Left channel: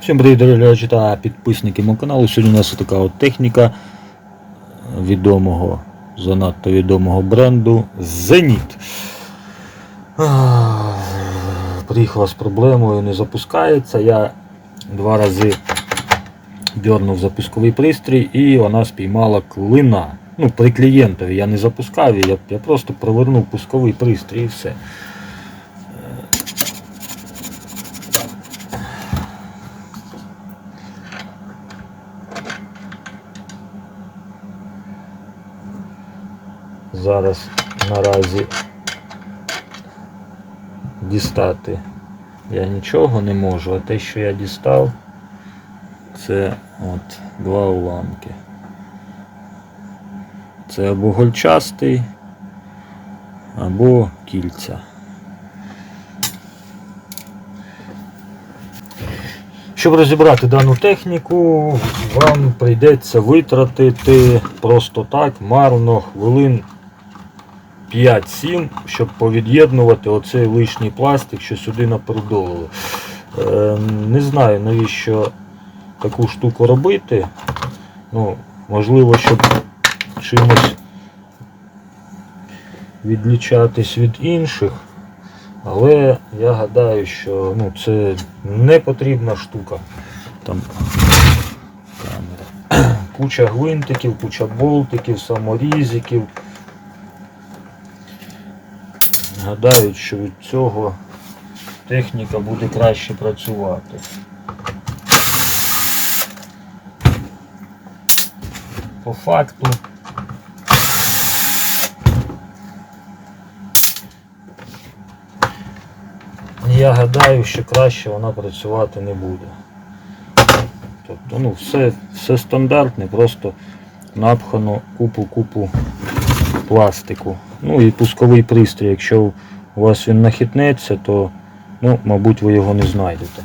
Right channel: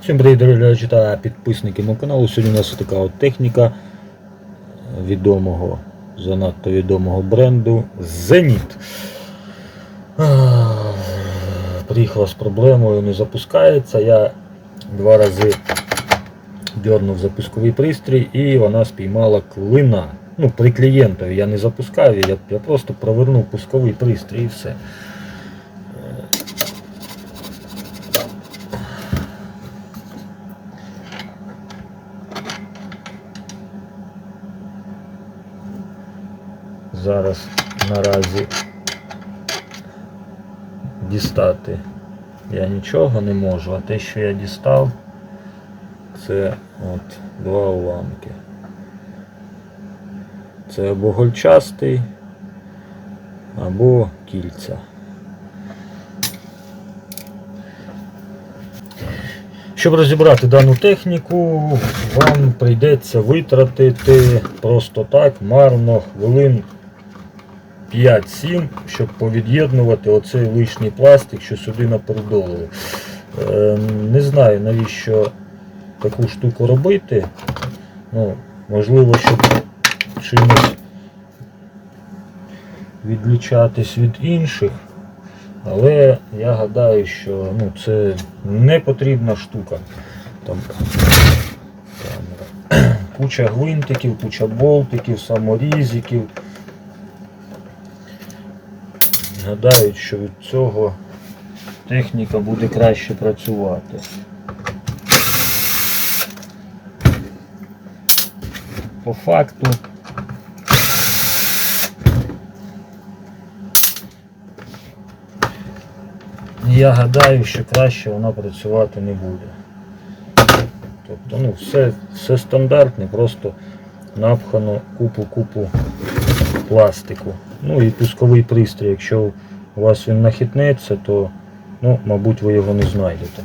Всім привіт, дорогі глядачі та підписники мого каналу. Сьогодні у нас така от техніка відомого, занадто відомого бренду Zenit. Приїхала з проблемою, не запускається. Я два рази дернув запусковий пристрій і вона спіймала клина. Ну, при клієнтові я не запускав, я, я просто провернув пусковий пристрій і все. Зараз наразі дістати я нічого не можу, а те, що я дістав, це от два уламки. Це або гольчастий, або кільця. Щоб розібрати дану техніку, вам прийдеться витратити просто так марно хвилин 5-7, щоб повід'єднувати оцей лишній пластик, що сюди напередолили. Е, не знаю навіщо таку штуку робити. Ну, можливо, щоб чимось відлічатись від інших. Але я гадаю, що ну, це не потрібна штука. Там. Куча гвинтиків, куча болтиків, саморізиків. Гадають, що від цього техніка буде краще працювати. По факту я гадаю, що краще вона працювати не буде. Тобто, ну, все, все стандартне, просто напхано купу-купу пластику. Ну і пусковий пристрій, якщо у вас він нахитнеться, то ну, мабуть ви його не знайдете.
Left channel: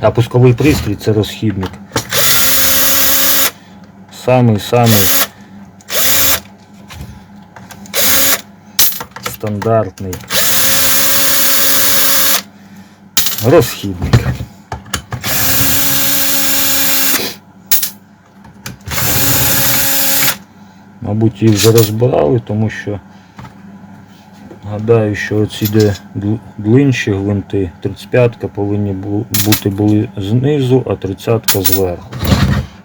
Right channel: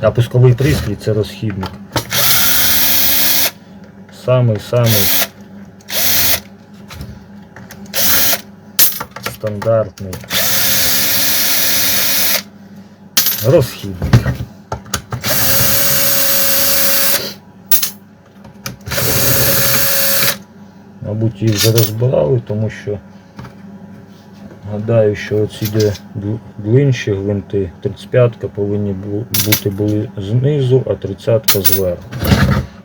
А пусковий пристрій це розхідник. Самий-самий стандартний розхідник. Мабуть, їх вже розбирали, тому що гадаю, що оці де длинші гвинти, 35-ка повинні бути були знизу, а 30-ка зверху.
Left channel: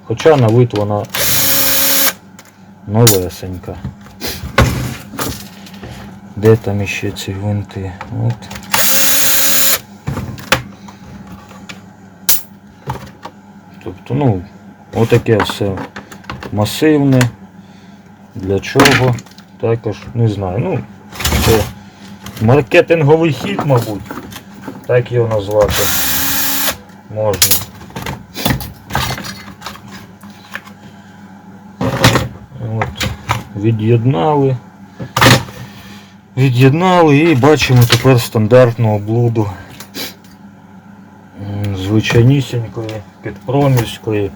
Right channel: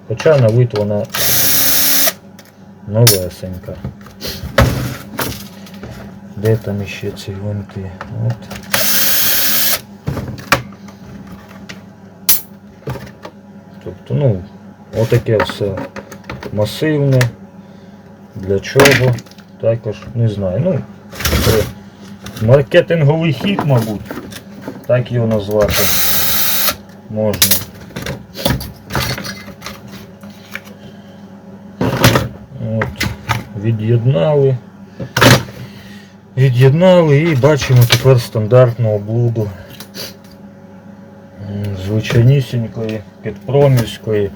Хоча на вид вона новесенька. Де там іще ці гвинти? От. Тобто, ну, отаке все масивне. Для чого? Також не знаю. Ну, це маркетинговий хід, мабуть. Так його назвати можна. От, від'єднали. Від'єднали і бачимо тепер стандартну облуду звичайнісінької, підпромівської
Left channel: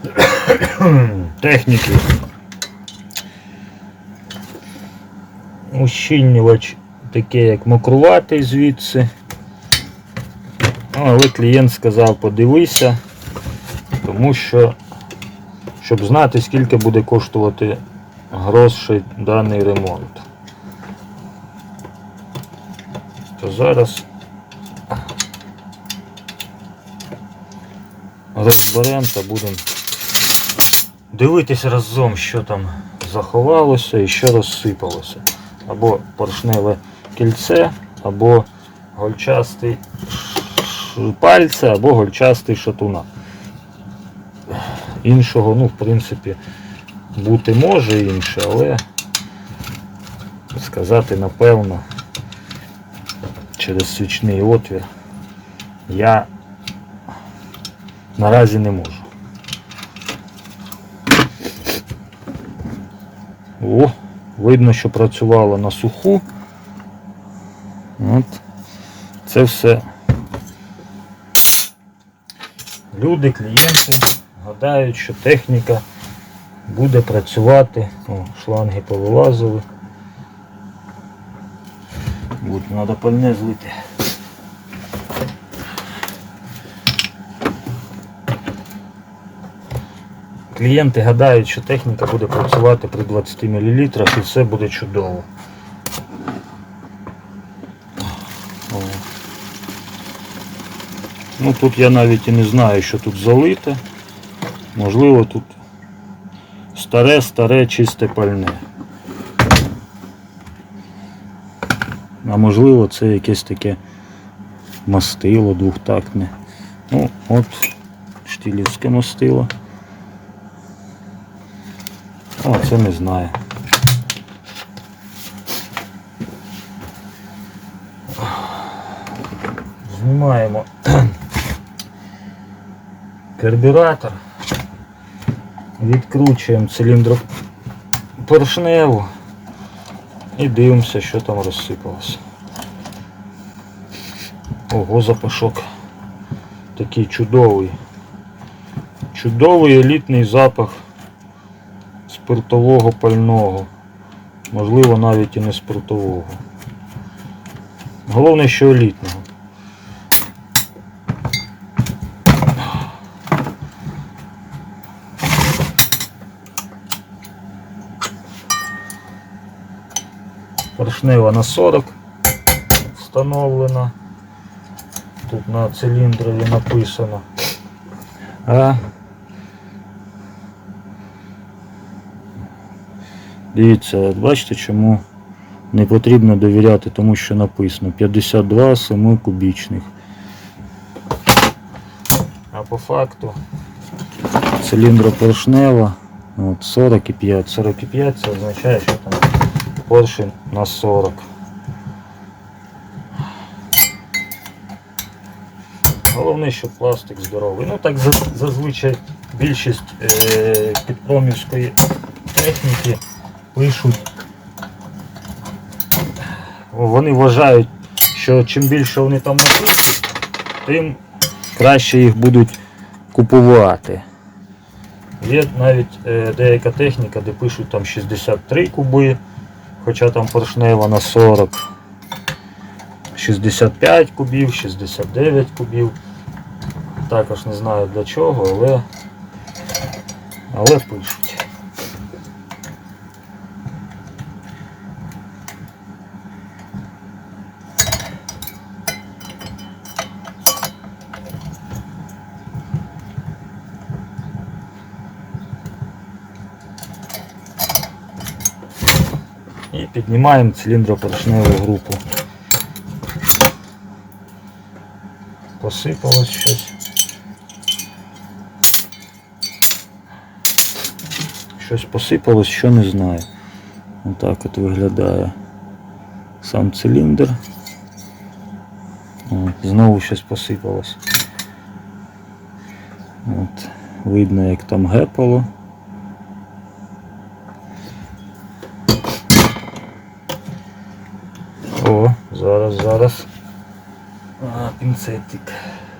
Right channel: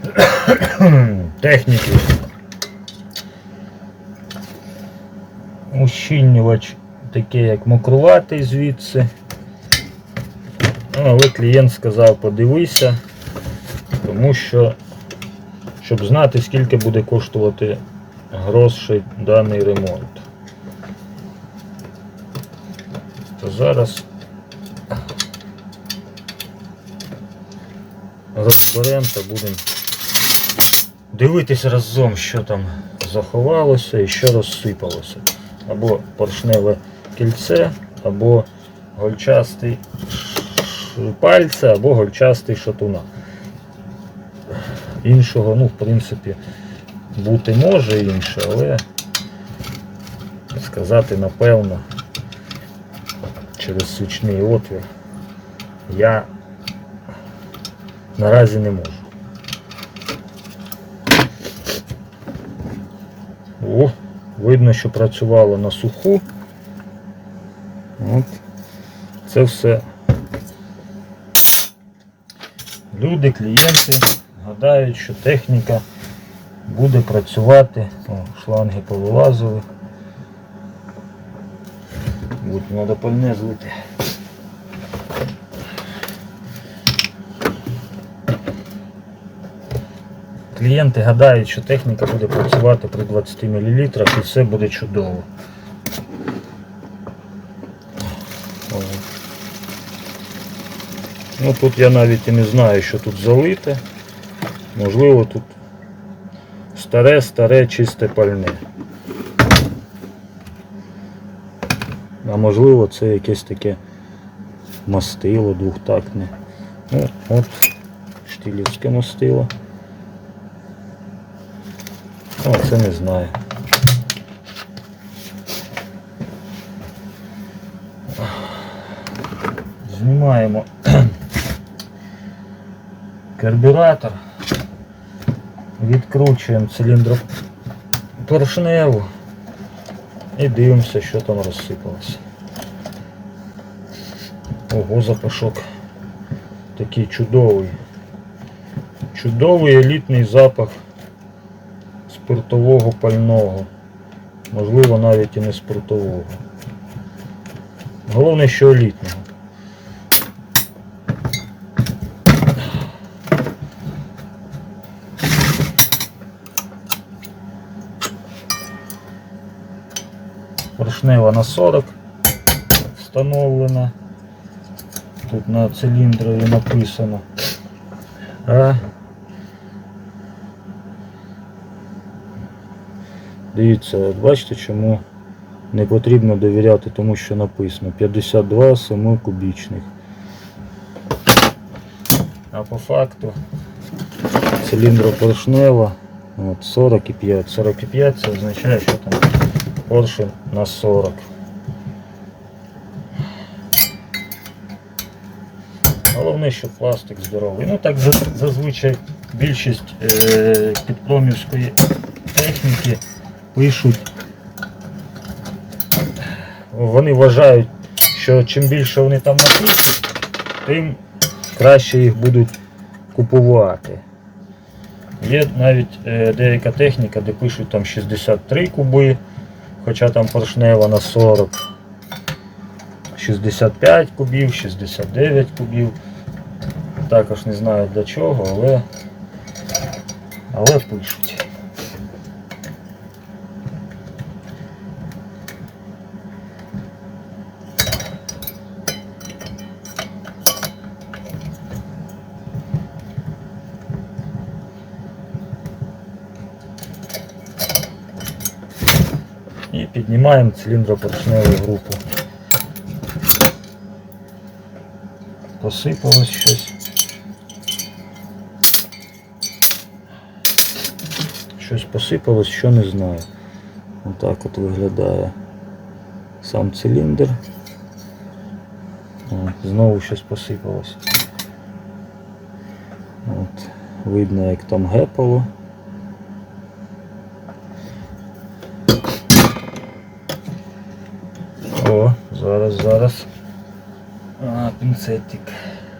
техніки. Ущільнювач таке як мокруватий звідси. Ну, але клієнт сказав подивися, тому що щоб знати скільки буде коштувати грошей даний ремонт. То зараз розберемо та будемо дивитися разом, що там заховалося і що розсипалося або поршневе кільце, або гольчастий пальце, або гольчастий шатуна. Іншого, ну, в принципі, бути може інше, але сказати напевно через свічний отвір я наразі не можу. О, Видно, що працювало на суху. От. Це все люди, клієнти гадають, що техніка буде працювати. О, шланги повилазили. Буде, треба пальне злити. Клієнти гадають, що техніка буде працювати при 20 мл і все буде чудово. Ну тут я навіть і не знаю, що тут залите. Можливо, тут старе, старе, чисте пальне. А можливо це якесь таке мастило двохтактне. Ну, от штилівське мастило. О, це не знаю. Знімаємо карбюратор, відкручуємо циліндру поршневу і дивимося, що там розсипалося. Ого, запашок такий чудовий. Чудовий елітний запах спиртового пального. Можливо, навіть і не спиртового. Головне, що елітного. Поршнева на 40 встановлена. Тут на циліндрові написано. Дивіться, от бачите, чому не потрібно довіряти тому, що написано 52 7 кубічних. А по факту циліндропоршнева от, 45. 45 це означає, що там поршень на 40. Головне, що пластик здоровий. Ну так зазвичай більшість е, підпромівської техніки пишуть. Вони вважають, що чим більше вони там напишуть, тим краще їх будуть купувати. Є навіть е, деяка техніка, де пишуть там 63 куби, хоча там поршнева на 40. 65 кубів, 69 кубів. Також не знаю для чого, але, але пишуть. І піднімаємо циліндропоршневу групу. Посипалось щось. Щось посипалось, що не знаю. Отак от виглядає сам циліндр. Знову щось посипалось. От, видно, як там гепало. зараз, зараз. А, пінцетик.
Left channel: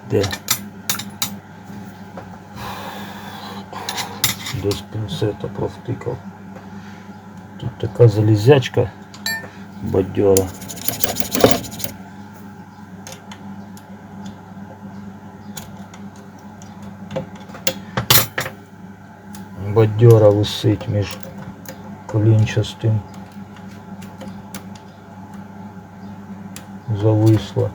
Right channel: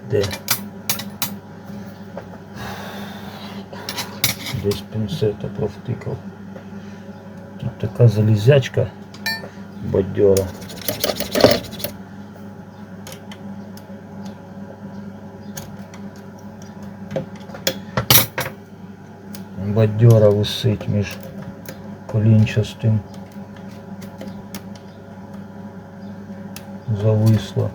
Де? Десь пінцета провтикав. Тут така залізячка бадьора. Бадьора висить між колінчастим. Зависла.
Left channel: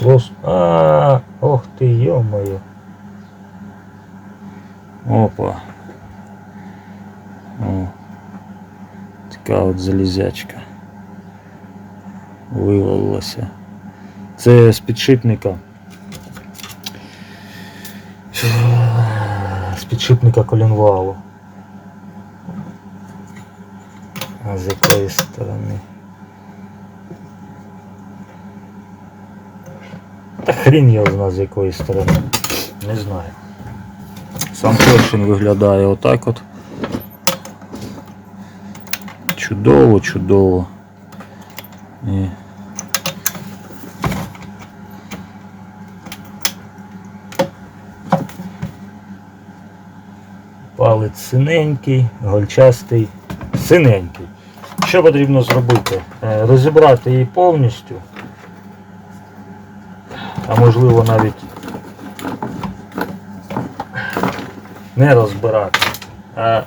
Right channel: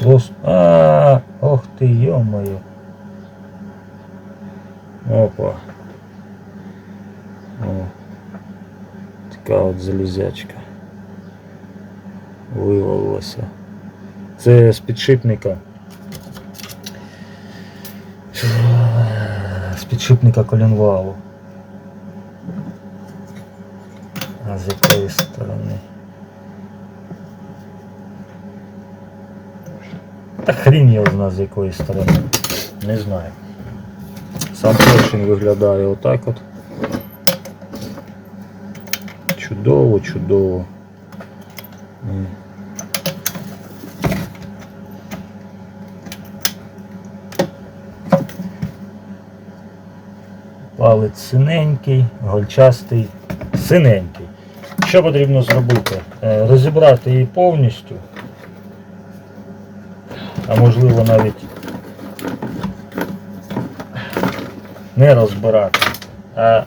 Просто... А, ох ти, ё-моё. Опа. О. Така от залізячка. Вивалилася. Це з підшипника. З підшипника коленвалу. А з якої сторони? Та хрін його зна з якої сторони. Не знаю. Сам поршень виглядає отак от. Чудово, чудово. І... Палець синенький, гольчастий, синенький. Що потрібно зробити? Е, Розібрати її повністю, а можливо навіть не розбирати, а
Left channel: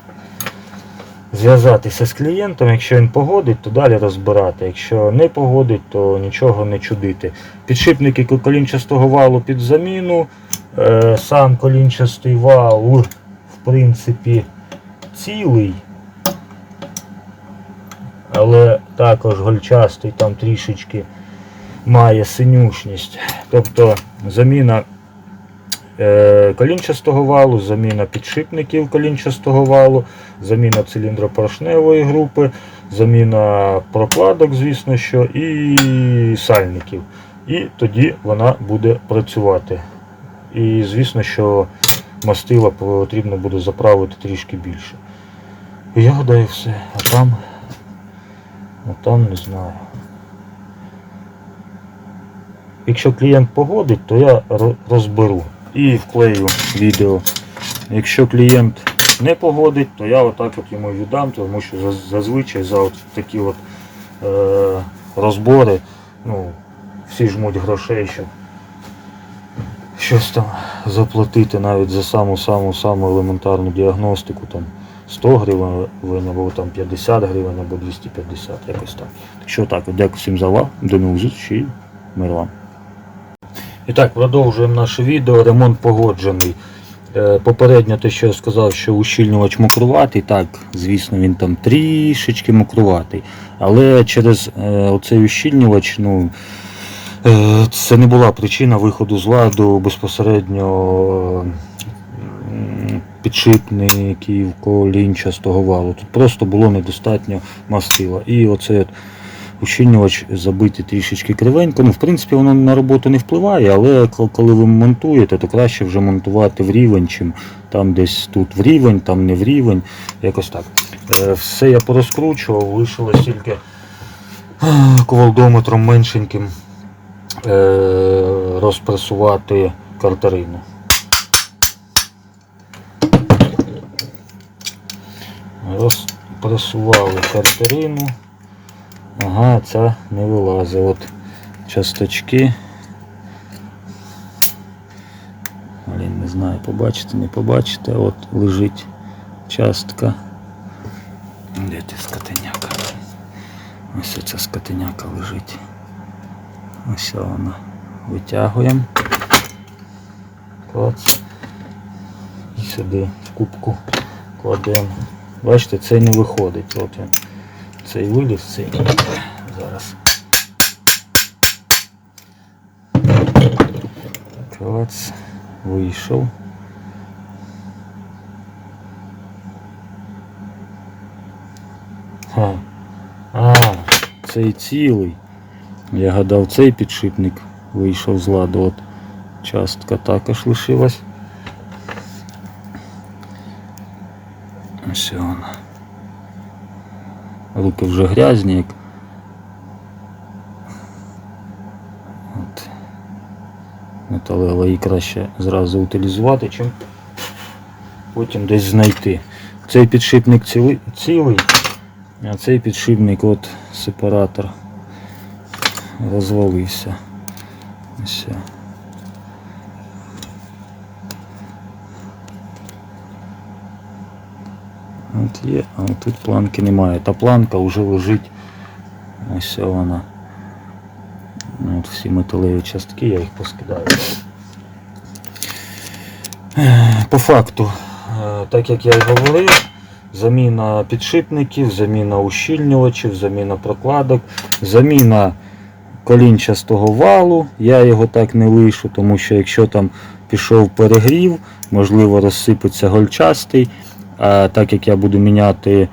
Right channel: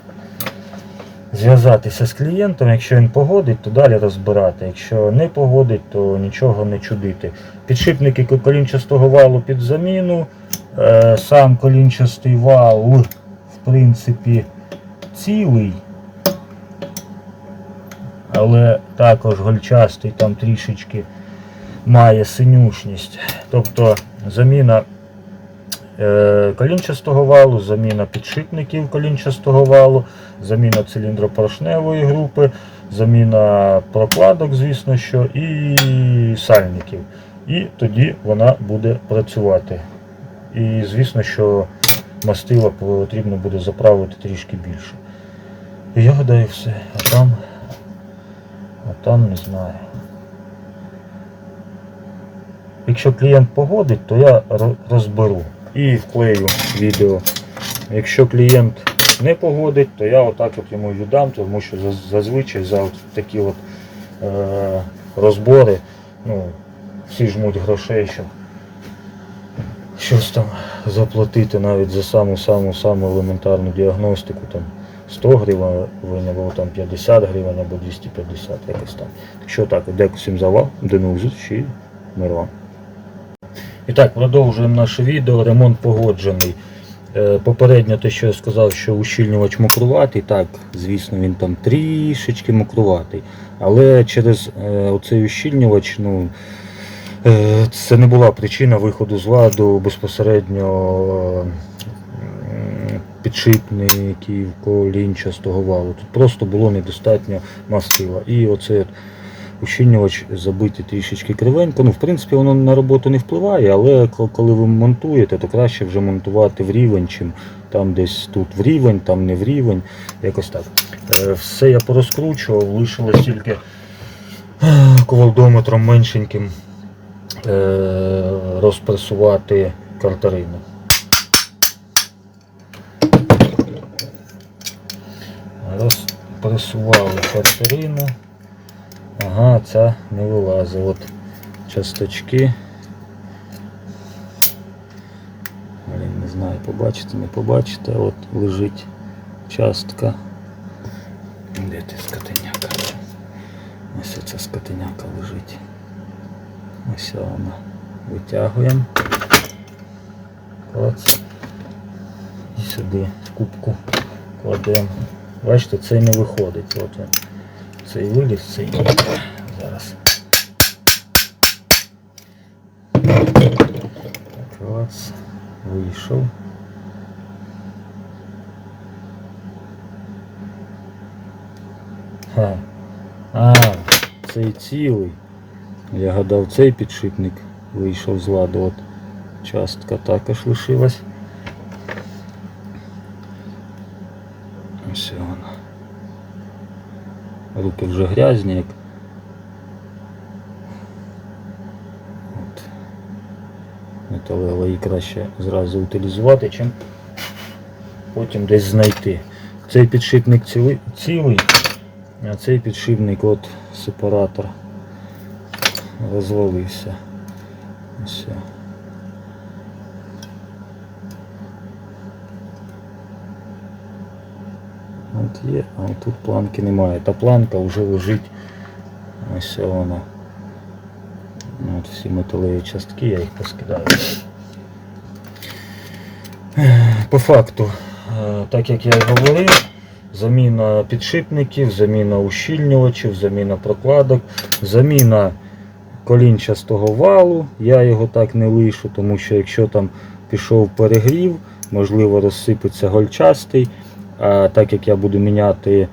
зв'язатися з клієнтом, якщо він погодить, то далі розбирати. Якщо не погодить, то нічого не чудити. Підшипники колінчастого валу під заміну. Е, Сам колінчастий вал, в принципі, цілий. Але також гольчастий там трішечки має синюшність. Тобто заміна е, колінчастого валу, заміна підшипників колінчастого валу, заміна циліндропоршневої групи, заміна прокладок, звісно, що, і сальників. І тоді вона буде працювати. І звісно, що мастила потрібно буде заправити трішки більше. І я гадаю все. А там, а там не знаю. Якщо клієнт погодить, то я розберу і вклею відео. Якщо клієнт не погодить, то я отак от йому віддам, тому що зазвичай за от такі от, е, розбори ну, всі жмуть грошей, щоб щось там заплатити навіть за саму саму саму елементарну діагностику там 100 гривень або там 50 гривень або 250 якось так. Так що так, дякую всім за увагу, до нових зустрічей, мир вам. І так, продовжуємо наше відео. Ремонт погоджений. Е, Попередньо те, що я сказав, що ущільнювач мокруватий, так, звісно, він там трішечки мокруватий. Але через е, оцей ущільнювач, ну, е, це не була причина виходу з ладу безпосередньо підшипників колінчастого валу. Тут просто було недостатньо мастила. І оцей от ущільнювач забитий трішечки кривенько. Ну, в принципі, воно на роботу не впливає, але коли ви монтуєте, то краще вже монтувати в рівень, чим там десь тут в рівень, там не в рівень. Якось так. Е, Все я порозкручував, лишилось тільки е, ковалдометром меншеньким е, розпресувати картарину. Розпресували картарину. Ага, ця не вилазить. От часточки. Блін, не знаю, побачите, не побачите. От лежить частка. Де ти скотиняка? Ось ця скотиняка лежить. Ось вона. Витягуємо. Клац. І сюди в кубку кладемо. Бачите, цей не виходить. От він. Цей виліз, цей. Зараз. Клац. Вийшов. Ха. А, цей цілий. Я гадав, цей підшипник вийшов з ладу. От частка також лишилась. Ось вона. Руки вже грязні, як. От. Металева її краще зразу утилізувати, чим потім десь знайти. Цей підшипник цілий, цілий а цей підшипник от сепаратор розвалився. Ось. От є, а тут планки немає. Та планка вже лежить. Ось вона. Ну, От всі металеві частки, я їх поскидаю. По факту, е, так як я і говорив, заміна підшипників, заміна ущільнювачів, заміна прокладок, заміна колінчастого валу. Я його так не лишу, тому що якщо там пішов перегрів, можливо розсипеться гольчастий. А так як я буду міняти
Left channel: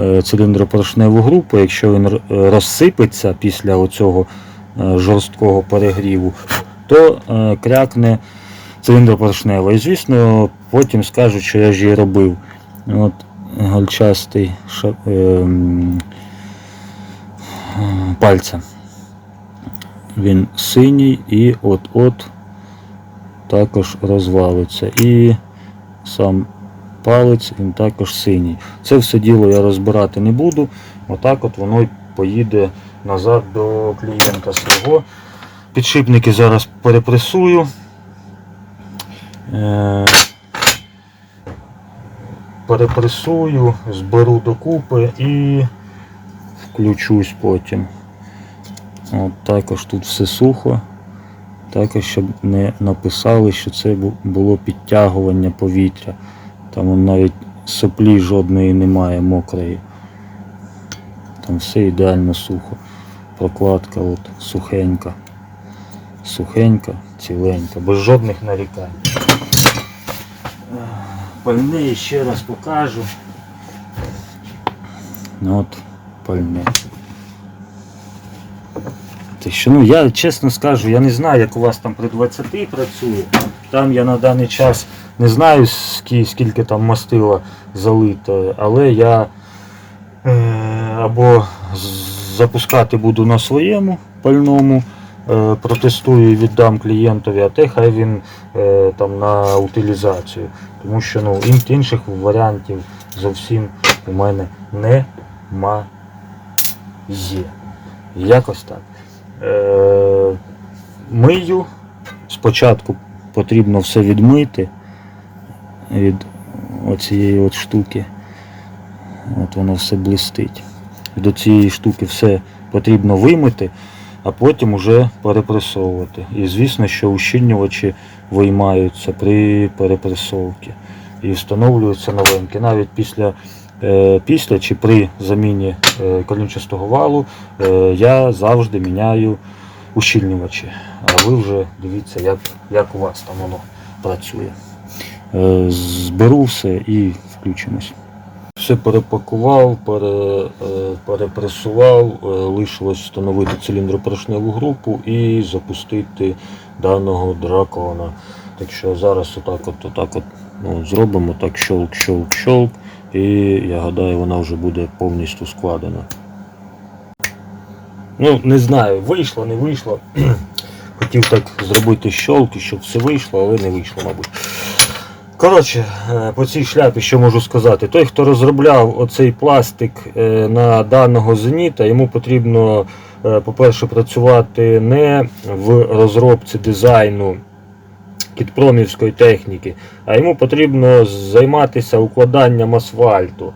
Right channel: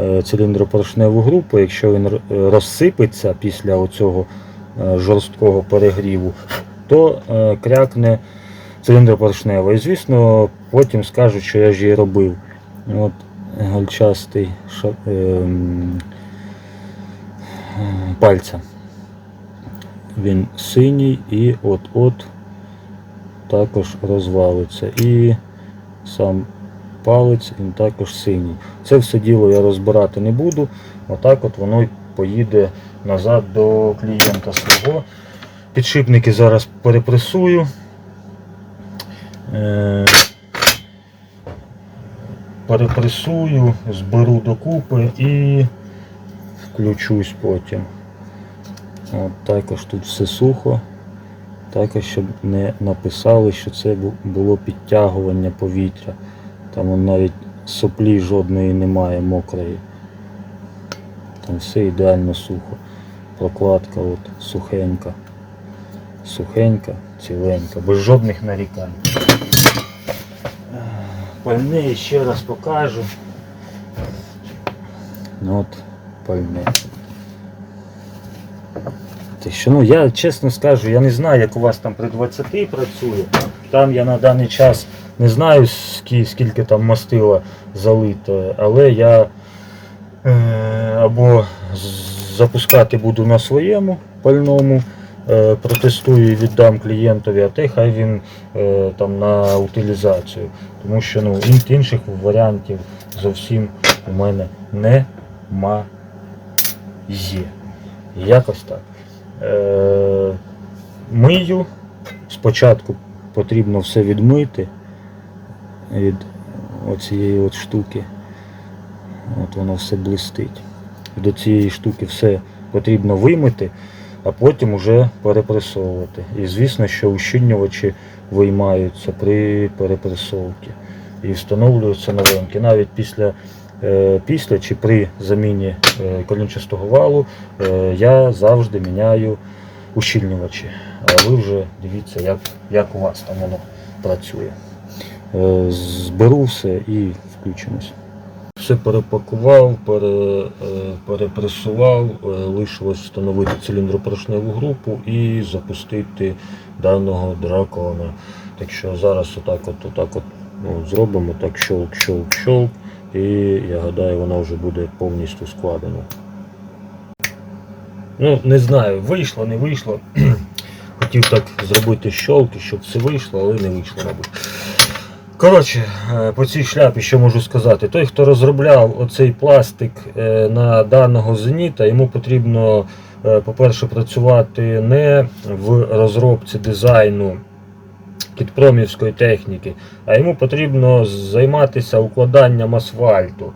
е, циліндропоршневу групу, якщо він розсипеться після оцього е, жорсткого перегріву, то е, крякне циліндропоршнева. І звісно, потім скажуть, що я ж її робив. От гольчастий ша- ем, е. Він синій і от-от також розвалиться. І сам палець, він також синій. Це все діло я розбирати не буду. Отак от воно й поїде назад до клієнта свого. Підшипники зараз перепресую. Е, перепресую, зберу докупи і включусь потім. От також тут все сухо. Також щоб не написали, що це було підтягування повітря. Там навіть соплі жодної немає мокрої. Там все ідеально сухо. Прокладка от сухенька. Сухенька, ціленька, без жодних нарікань. Пальне ще раз покажу. Ну от пальне. Що, ну, я чесно скажу, я не знаю, як у вас там при 20 працює. Там я на даний час не знаю, скільки, скільки там мастила залито, але я е, або запускати буду на своєму пальному, е, протестую і віддам клієнтові, а те хай він е, там на утилізацію. Тому що ну, ін- інших варіантів зовсім у мене немає. Якось так. Е, мию. Спочатку потрібно все відмити від оцієї от штуки. От воно все блистить. До цієї штуки все потрібно вимити, а потім уже перепресовувати. І звісно, що ущільнювачі виймаються при перепресовці і встановлюються новенькі. Навіть після, е, після чи при заміні е, колінчастого валу е, я завжди міняю ущільнювачі. А ви вже дивіться, як, як у вас там воно працює. Е, Зберу все і включимось. Все перепакував, пере, е, перепресував, е, лишилось встановити циліндропоршневу групу і запустити даного дракона. Так що зараз отак от, отак от ну, зробимо так щолк, щолк, щолк. І я гадаю, вона вже буде повністю складена. Ну, не знаю, вийшло, не вийшло. Хотів так зробити щолки, щоб все вийшло, але не вийшло, мабуть. Коротше, е, по цій шляпі що можу сказати? Той, хто розробляв оцей пластик е, на даного зеніта, йому потрібно, е, по-перше, працювати не в розробці дизайну кітпромівської техніки, а йому потрібно займатися укладанням асфальту.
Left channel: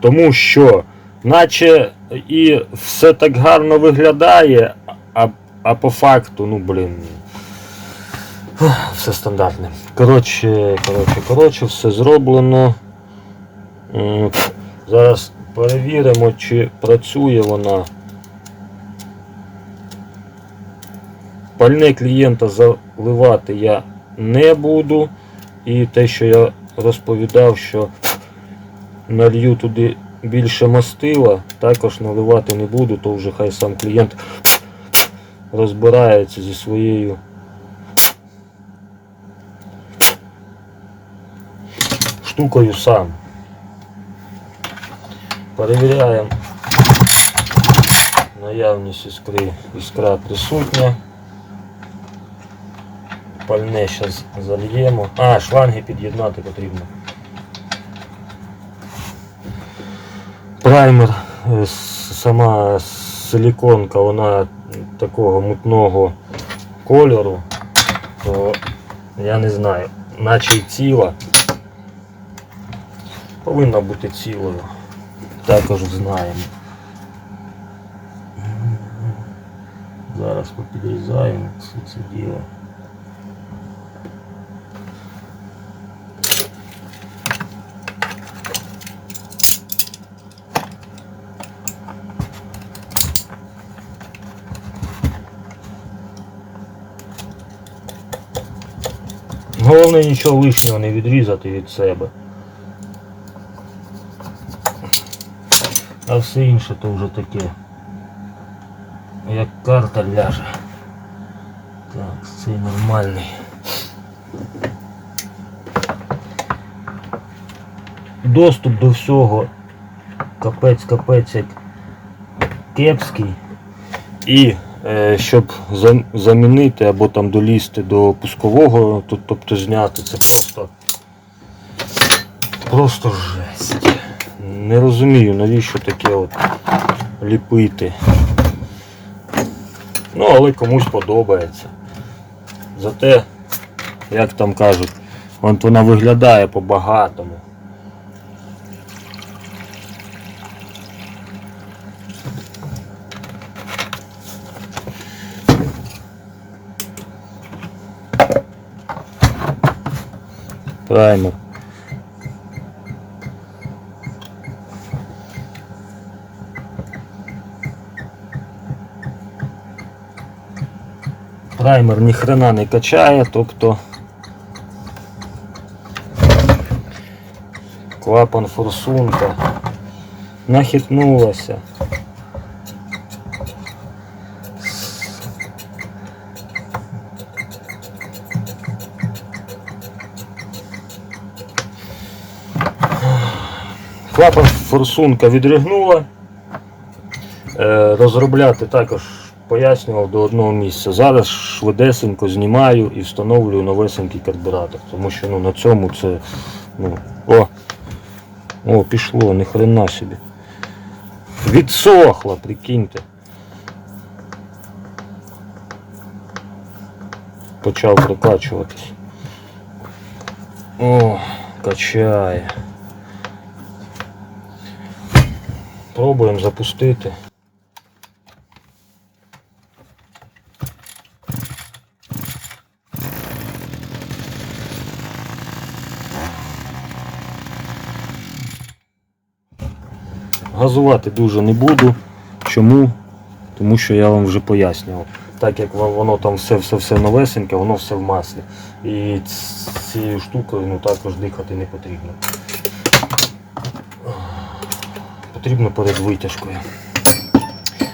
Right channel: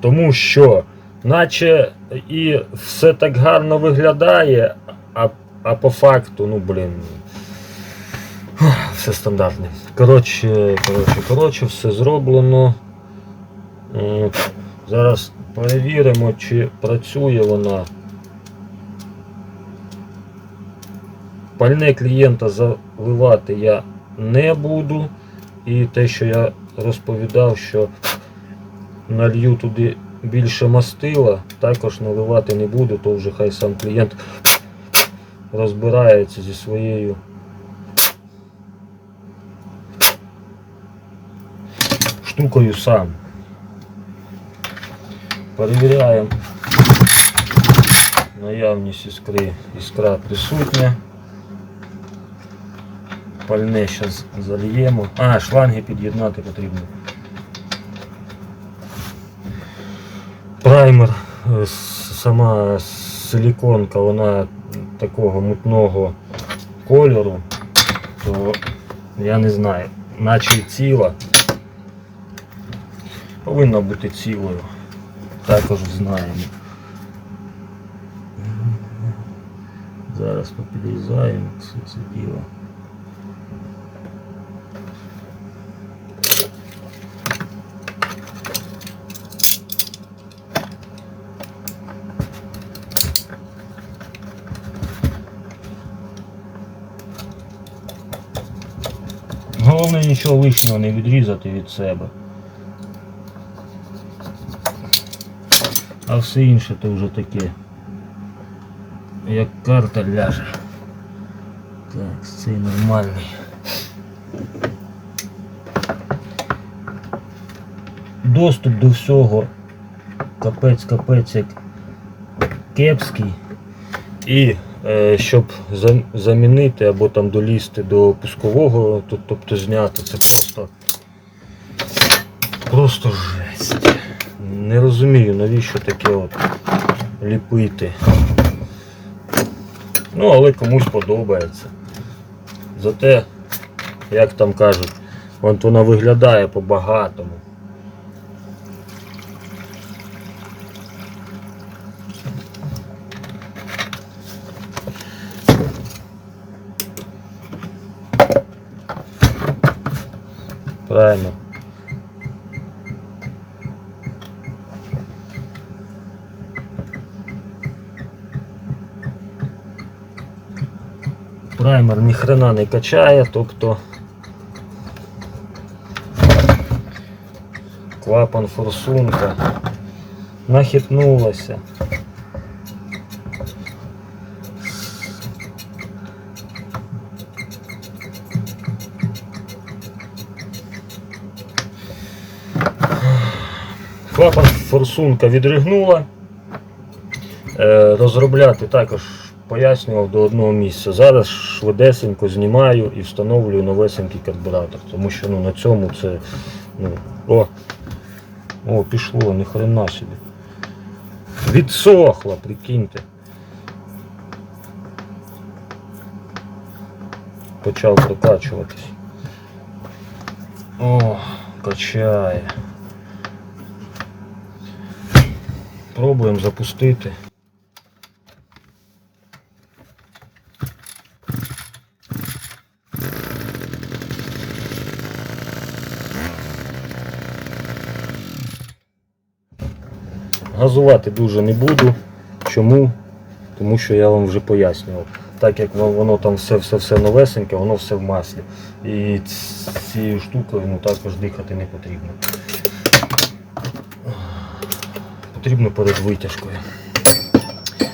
Тому що, наче і все так гарно виглядає, а, а по факту, ну блін. Все стандартне. Коротше, коротше, коротше, все зроблено. Зараз перевіримо, чи працює вона. Пальне клієнта заливати я не буду. І те, що я розповідав, що налью туди більше мастила, також наливати не буду, то вже хай сам клієнт розбирається зі своєю штукою сам. Перевіряємо наявність іскри. Іскра присутня. Пальне зараз зальємо. А, шланги під'єднати потрібно. Праймер, е, сама силіконка, вона такого мутного кольору, то я не знаю, наче ціла. Повинна бути цілою. Також знаємо. Зараз попідрізаємо все це діло. Головне нічого лишнього не відрізати від себе. Все інше то вже таке. Як карта ляже. Так, цей нормальний. Доступ до всього капець-капець як кепський. І е, щоб замінити або там долізти до пускового, тут, тобто зняти, це просто просто жесть. Не розумію, навіщо таке от ліпити. Ну, але комусь подобається. Зате, як там кажуть, от вона виглядає по-багатому. Правильно. Праймер ніхрена не качає, тобто клапан форсунка нахитнулася. Клапан форсунка відригнула. Е, розробляти також пояснював до одного місця. Зараз швидесенько знімаю і встановлюю новесенький карбюратор. Тому що ну, на цьому це. Ну, о, о, пішло, ні хрена собі. Відсохло, прикиньте. Почав прокачуватись. О, качає. Пробуємо запустити. Газувати дуже не буду. Чому? Тому що я вам вже пояснював. Так як воно там все все все новесеньке, воно все в маслі. І цією штукою ну, також дихати не потрібно. Потрібно перед витяжкою.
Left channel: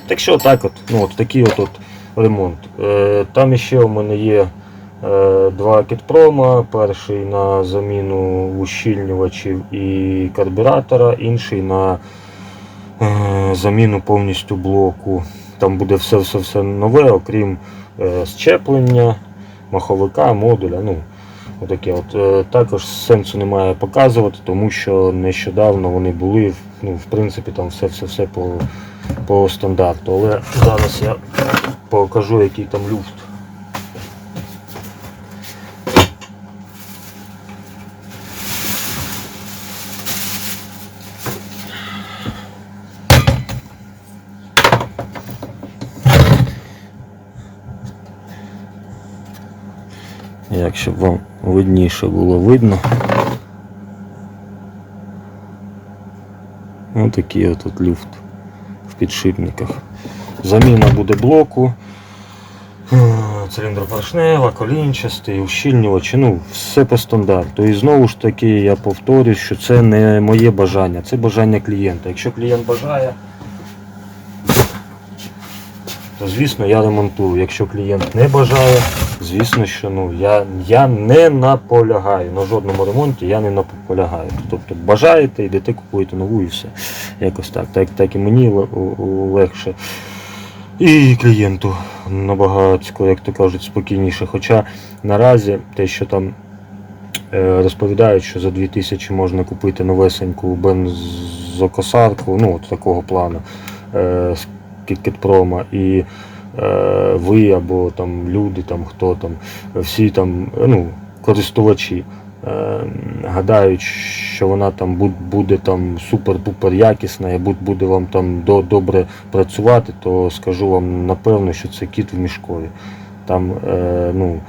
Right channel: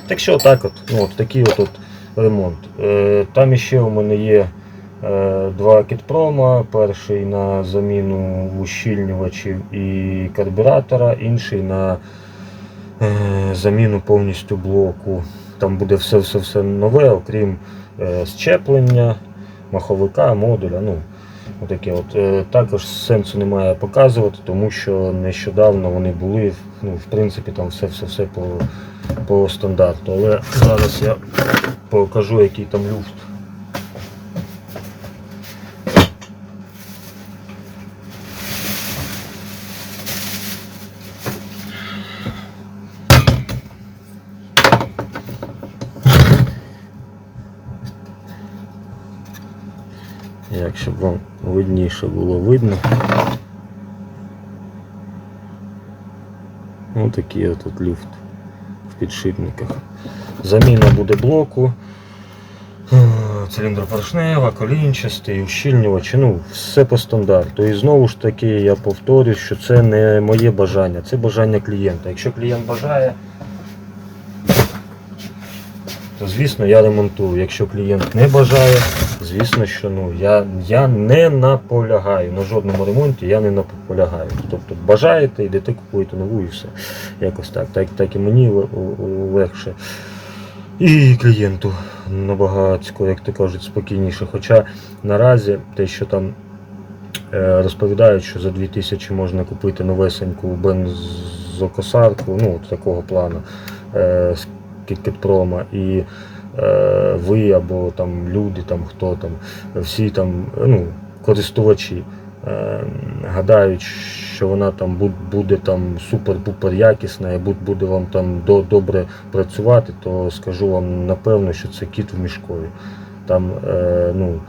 Так що так от, ну от такий от, от ремонт. Е, там іще у мене є е, два кітпрома. Перший на заміну ущільнювачів і карбюратора, інший на заміну повністю блоку. Там буде все-все-все нове, окрім е, щеплення, маховика, модуля. Ну, отаке от. Е, також сенсу немає показувати, тому що нещодавно вони були, ну, в принципі, там все-все-все по, по стандарту. Але зараз я покажу, який там люфт. Як щоб вам видніше було видно. Ось такий от люфт в підшипниках. Заміна буде блоку, циліндропоршнева, колінчастий, ущільнювач, ну, все по стандарту. І знову ж таки я повторюю, що це не моє бажання, це бажання клієнта. Якщо клієнт бажає, то звісно я ремонтую. Якщо клієнт не бажає, звісно, що ну, я, я не наполягаю. На жодному ремонті я не наполягаю. Тобто бажаєте, йдете, купуєте нову і все. Якось так. Так, так і мені легше. І клієнту набагато, як то кажуть, спокійніше. Хоча наразі те, що там е, розповідають, що за 2000 можна купити новесеньку бензокосарку, ну от такого плану е, з Кіткетпрома, ви або там люди, там хто там, всі там, ну, користувачі. е, Гадають, що вона там буде там супер-пупер якісна і буде вам там добре працювати, то скажу вам напевно, що це кіт в мішкові. Там, е, ну,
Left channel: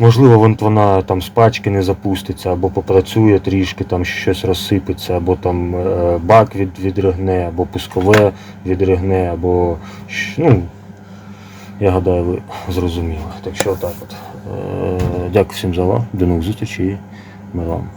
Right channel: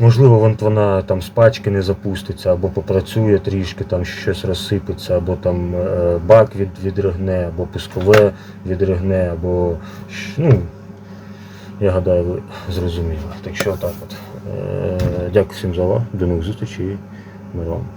можливо, вона там з пачки не запуститься, або попрацює трішки, там щось розсипеться, або там е, бак від, відригне, або пускове відригне, або ну, я гадаю, ви зрозуміли. Так що так от. Е, дякую всім за увагу. До нових зустрічей. Миром.